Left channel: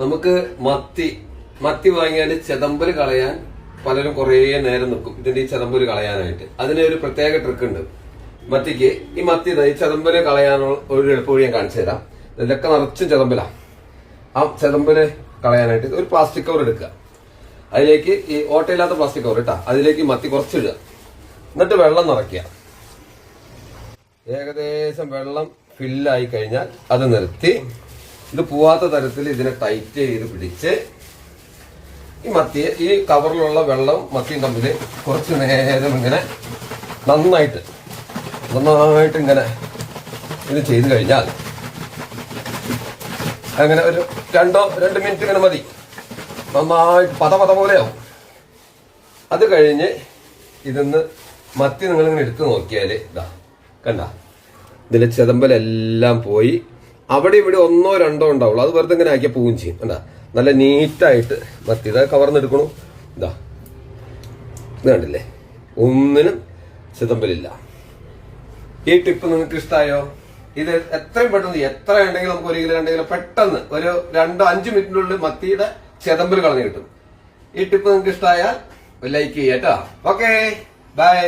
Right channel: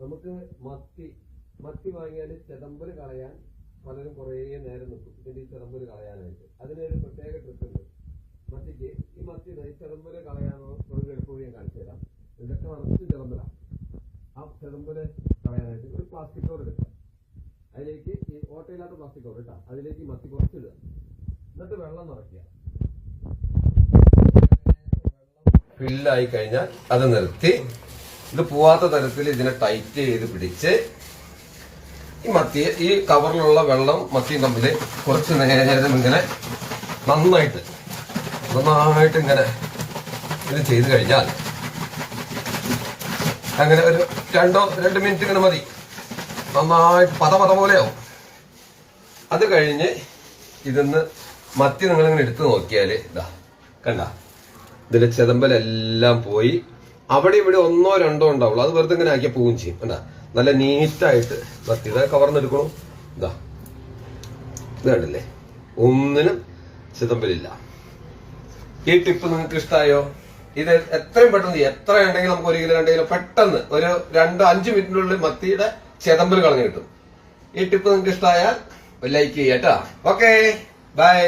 നമുക്ക് മത്തി വാങ്ങിയാല് ചെതമ്പല് കളയാൻ പലരും കുറേ നേരം നിൽക്കും ഇതിന്റെ ഈ ചെതമ്പല് കളയാനായിട്ട്. അതിന് ഒരു പ്രത്യേക ട്രിക്ക് ഉണ്ട് മത്തിക്ക്. ഈ ചെതമ്പല് കളയാനുള്ള ഒരു എളുപ്പവഴി ഞാൻ കാണിച്ചു തരാം. ഇതിലൊക്കെ നിറച്ചും ചെതമ്പലാ. ആ ചെതമ്പല് കളയാനായിട്ട് ഒരു പ്ലാസ്റ്റിക് കവർ എടുക്കുക. അതിലേക്ക് ഈ ഓട്ടയില്ലാത്ത പ്ലാസ്റ്റിക് കവർ ഇട്ടാ അതിലേക്ക് മത്തി കുറച്ചിടുക. എന്നിട്ട് വെള്ളം നിറയ്ക്കുക. ഏകദേശം വെള്ളം ഫില്ലായി കഴിഞ്ഞാൽ അത് നിർത്തി ഇത് പോവാത്ത തരത്തിൽ ഇതിനെ ടൈറ്റ് ചെയ്ത് പിടിച്ച് ഈ കവറിലുള്ള വെള്ളം മത്തിയും തമ്മിൽ കുറച്ച് നേരം ഇങ്ങനെ നന്നായിട്ട് ഇങ്ങനെ ഇത് ചെയ്ത് കഴിഞ്ഞാൽ അങ്ങനെ ഒരു 2 മിനിറ്റ് ഇങ്ങനെ മതി. നന്നായിട്ട് പത പോലെയാവും. അത് കഴിഞ്ഞ് ഇതിന്ന് മത്തി നിങ്ങളിങ്ങനെ എടുത്ത് നോക്കിയാല് ഇതാ കണ്ട ഇതിന്റെ ചെതമ്പലെല്ലാം പോയി. അവിടെ ഇവിടെ 1 or 2 ഉണ്ടാവുള്ളൂ. അത് വെറുതെ ഇങ്ങനെ ആക്കിയാൽ പോവുകയും ചെയ്യും. എന്താ നല്ല നീറ്റായിട്ട് മത്തി ഇതാ കവർന്നെടുക്കണു. ഇതാ ഇത് കണ്ടില്ലേ, ഒന്നിനും ചെതമ്പലില്ല. ഈ ടിപ്പ് നിങ്ങൾക്ക് ഇഷ്ടമായോ? ഇത് എത്രയും പെട്ടെന്ന് എത്ര ഉണ്ടെങ്കിലും നമുക്ക് 1 കിലോ 2 കിലോ പെട്ടെന്ന് ഒരു 2-5 മിനിറ്റിനുള്ളിൽ മത്തിയുടെ ചെതമ്പൽ കളഞ്ഞു കിട്ടും. ഈ ടിപ്പ് നിങ്ങൾക്ക് ഇഷ്ടമായാൽ ലൈക്ക് ചെയ്യാം കേട്ടോ. Okay, by.